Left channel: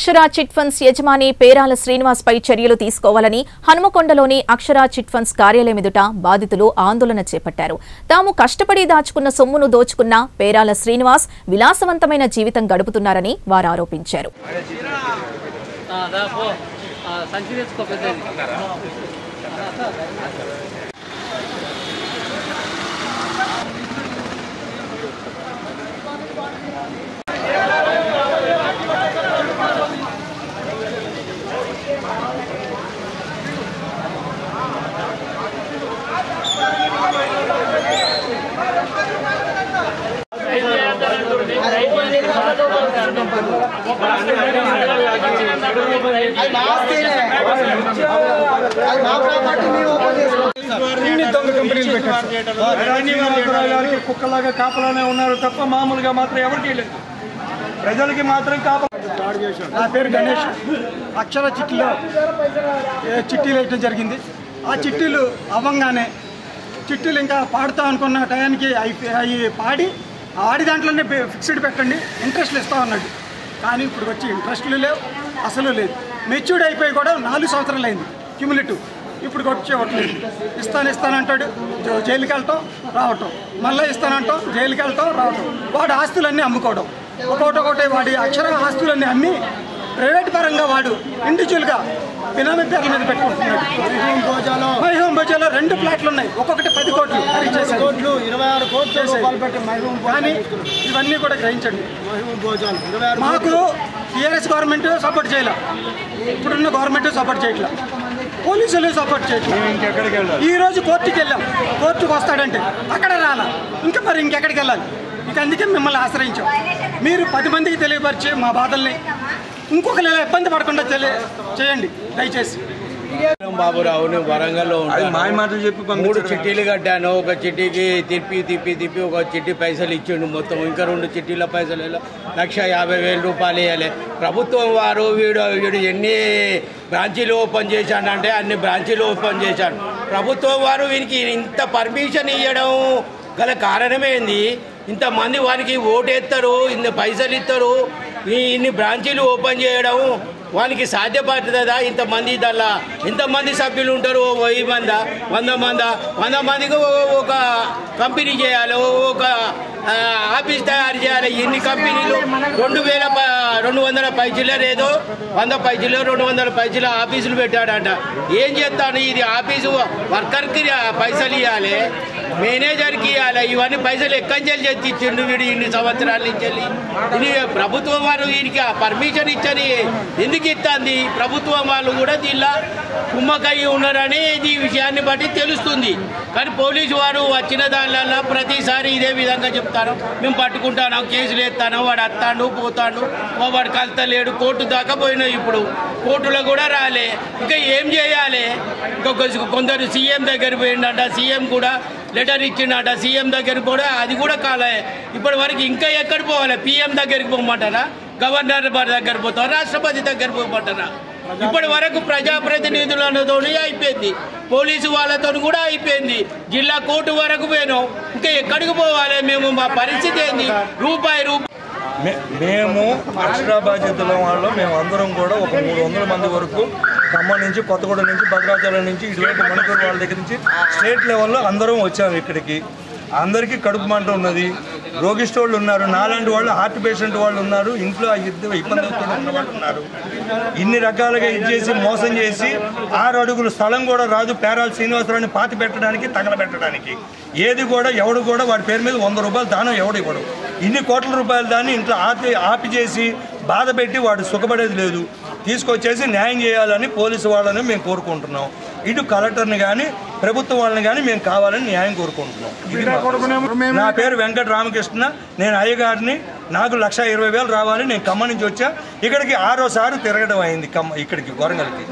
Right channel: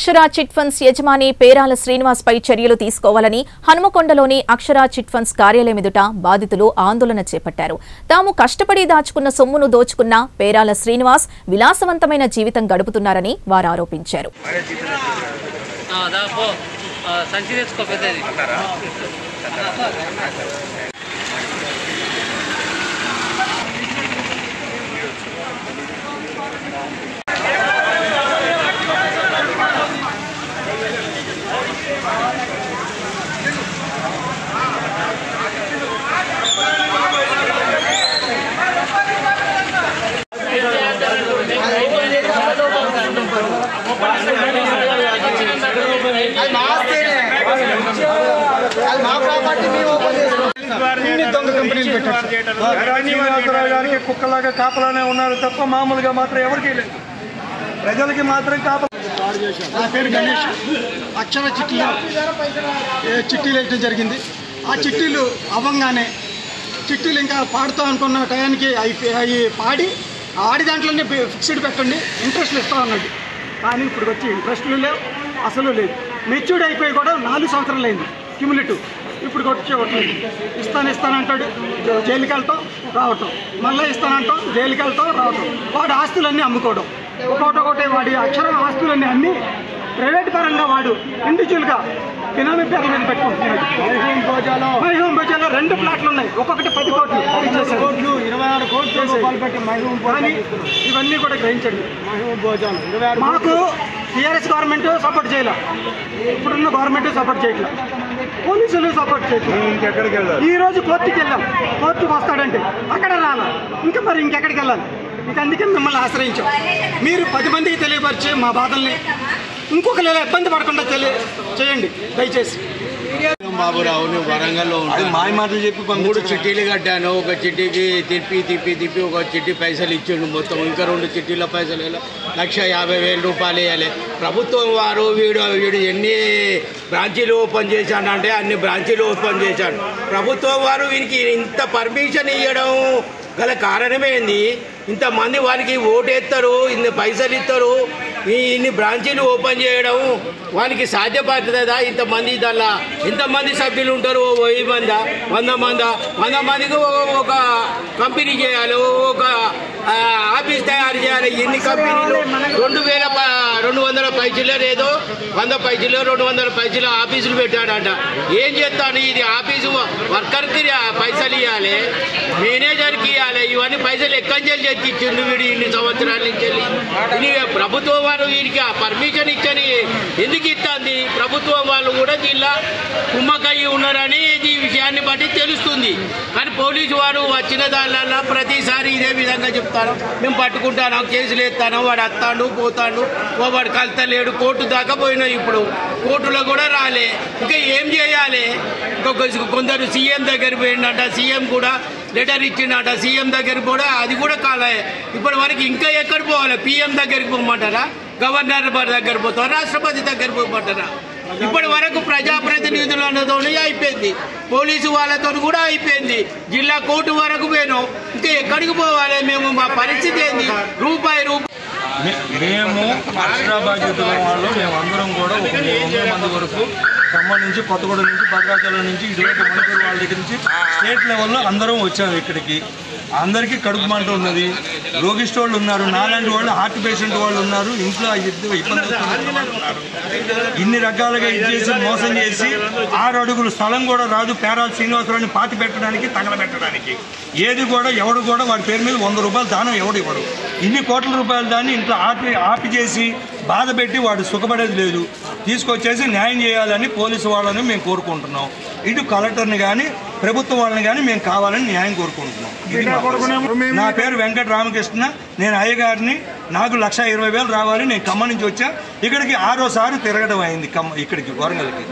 అక్షరా chit funds యజమాని పేరాల శ్రీనివాస్ పై చర్యలు తీసుకోవాలని హనుమకొండలోని అక్షరా చిట్ ఫండ్స్ కార్యాలయం ఎదుట బాధితులు ఆందోళన చేపట్టారు. తాము కష్టపడి దాచుకున్న సొమ్మును దోచుకున్న పేరాల శ్రీనివాస్ విలాసవంతమైన జీవితం గడుపుతున్నారని వారు ఆరోపించారు. దొంగ కంపెనీలు పెట్టారు. కుక్కలాగా కాపలానే ఉన్నారు తప్ప మామూలుగా మాత్రం ఎవరికి లేదు. ప్రజలకి మాత్రం నా పేరు గణేష్. అక్షర చిట్టీలో చిట్టీలు వేయడం జరిగింది. ఆ చిట్టీలు అవ్వంగానే చిట్టీలు ఇంకా పాడుతాం అనుకున్న టయానికి అవి పాడి ఆడి దాంట్లోనే ఫిక్స్డ్ పెట్టండి, ఇంట్రెస్ట్లు ఇస్తాం అన్నట్టు. కానీ ఇప్పుడు వచ్చి ఇంట్రెస్ట్లు లేవు, అసలు లేదు. మెచ్యూర్డ్ అయిపోయి కూడా 4 సంవత్సరాలు అయింది క్యూములేటివ్. ఇప్పుడు వచ్చేవట్లేదు. ఇస్తానంటాడు, జైలుకి వెళ్తాం రావటం, మళ్ళీ ఇస్తానంటాం, జైలుకి వెళ్తాం రావటం. వాడి ఆస్తులన్నీ అమ్ముకోవడం, ఒకటి వాడి అక్షర ఆస్తులన్నీ అమ్మి ప్రైవేట్ పరంగా వాడు ఇండివిజువల్గా బినామీ పేర్ల మీద పెట్టుకుంటున్నాడు. మైహూం బోజాలో 2 ప్లాట్లు ఉన్నాయి, ఒక్కొక్కటి 10 కోట్లు, 26 కోట్లు రూపాయలు పెట్టి మైహూం. కానీ ఇవన్నీ కూడా గ్రహించండి. మైహూం బోజాలు మాకు టీఆర్ఎస్ గవర్నమెంట్ సపోర్ట్ చేయాల, ఇప్పుడున్న గవర్నమెంట్ సపోర్ట్ చేయట్లా, పోలీసులు సపోర్ట్ చేయట్లేదు. ఈ రోజు కోర్టుకి వెళ్ళాం, కోర్టుకు వస్తాడంటే అక్కడ రాలా, ఇంకా మరి ఇంకెక్కడికి వెళ్ళాలి? ఇక అందుకే మిమ్మల్ని ఆశ్రయించాం. మీరు 10 మందికి తెలియపరిచే మా బాధల్ని ఇంకొకరు ఇలా ఇబ్బంది పడకుండా చేయండి దయచేసి. బాబురావు, నువ్వు వరంగల్లో మాయ మాటలు చెప్పి 3 చిట్టీలు కట్టాను. ఒక చిట్టీకి తిప్పి ఒక చిట్టి పైసలు ఇచ్చిండు మొత్తం. ఇంకా 2 చిట్టీల పైసలు 1,50,000 రూపాయలు ఇవ్వాలి. ప్రభుత్వం వారు వీడు ఎన్ని బ్రాంచీలు ఓపెన్ చేశాడంటే అన్ని బ్రాంచీలు ఓపెన్ చేశాడు. ప్రభుత్వం వారు వీనికి ఇంత పర్మిషన్ ఇవ్వడం గల కారణమేంది? ఇంతమంది వారికి ఓటేస్తారు, ఇన్ని పైసలు ఇస్తారు, ఇన్ని బ్రాంచీలు ఓపెన్ చేయడం వానికి సాధ్యపడుతుందా? ఇంతమంది దానిలో ఎంతమంది సభ్యులు ఉంటారు? 1000 మందా, 100 మందా? 100 మందికి ఒక కంపెనీ చేయాలి, ఒక ఆఫీస్ తయారు చేయాలి. ఎన్ని కంపెనీలు? 2,200 పైసలు ఏదో 100 పైసలు 200 పైసలు ఆఫీసులు పెట్టాడంట. ఏం చేస్తాను? ఇది ఆఫీసు వర్కర్కి పైసలు ఇవ్వాలి, మేనేజర్కి ఇవ్వాలి. ఇవన్నీ పైసలు ఎక్కడి నుంచి ఇచ్చిండు వీడు ఇన్ని సంవత్సరాల నుంచి? ఇది ప్రభుత్వం వారు వీరికి పర్మిషన్ ఇచ్చని ఎందుకు ఇస్తుంది? ప్రభుత్వం వాళ్ళు కూడా దీనిలో కుమ్మకయ్యి ఉన్నారని ఈ విషయాన్ని బట్టి తెలుస్తుంది. కానీ పోలీసు వారు వచ్చిన దానిలో ప్రతిసారి ఇదే విధంగా చెప్తారు, మేము పట్టుకుంటాను, కేసులు ఎత్తాను, వాడు వస్తాడు పోతాడు, వాడు కలుతలేడు. కోర్టు దాకా పోయినా ఇప్పుడు కోర్టులో కూడా రాలే. ఇంకా ఏం చేయాలి? కొందరు సీఎం దగ్గర పోయిండట, సీఎం కూడా లెటర్ ఇచ్చిండట, సీఎం దగ్గరికి కూడా అది కూడా కాలే. ఇప్పటి వరకు ఇంకా ఎక్కడ పోవాలి? పీఎం దగ్గరికి పోమంటారా? గవర్నర్ దగ్గర పోతారా? రాష్ట్రపతి దగ్గర పోమంటారా? ఇప్పటి వరకు ప్రజాప్రతినిధులతో అయిపోయింది, పోలీసు వాళ్ళతో కూడా అయిపోయింది, జిల్లా కోర్టు వరకు పోయినాం. ఇంకా ఎక్కడికి పోవాలి మేము? మా పరిస్థితి ఏంది? రూపాయి మేము అక్షరా బాధ్యతల వాళ్ళు మేమందరం కూడా ఒక 300 మంది వరకు ఖమ్మం నుంచి, కొత్తగూడ నుంచి, భద్రాచలం నుంచి, ఇటువైపు మణిపూర్ వాళ్ళ దగ్గర నుంచి స్టేట్ లెవెల్లో అందరం వచ్చాము ఇక్కడికి. అందరికీ కడుపు మంట ఉన్నది, రోగిస్టోళ్ళు ఉన్నారు, నాలాంటి వాళ్ళు హార్ట్ పేషెంట్ వాళ్ళు ఉన్నారు, ఇంట్లో ఇబ్బంది ఉన్న వాళ్ళు ఉన్నారు. ఇన్ని రకాలుగా ఇచ్చేసి మోసం చేసి 6 అడుగులు స్థలం కూడా రాదు పేరాల శ్రీనివాసరావుని పాతి పెట్టడానికి, తగలబెట్టడానికి. ఏది కూడా ఎవడు కూడా వాడి పేరు మీద 100 రూపాయలు దానం ఎవడు ఇవ్వరు. ఇన్ని కోట్ల రూపాయలు దాన్ని ఇంట్లో ఆపి చేసి బాధ పెట్టి వాడు సుఖపడేది లేదు. తీసుకొచ్చేసి న్యాయం చేయాలని పోలీసు వాళ్ళని మేము కోరుకుంటున్నాం. ఇటు కలెక్టర్ని కానీ ప్రభుత్వం వాళ్ళని కానీ మేము కావాలని న్యాయం కోరుకుంటున్నాం. నా పేరు వెంకట రామకృష్ణ, నేను అయ్యగారిని. నాకు 1,20,000 రావాలి. నేను ఖమ్మం నుంచి వచ్చా, ఇక్కడికి 6వ సారి తిరగడం అయింది ఇక్కడికి వరంగల్కి.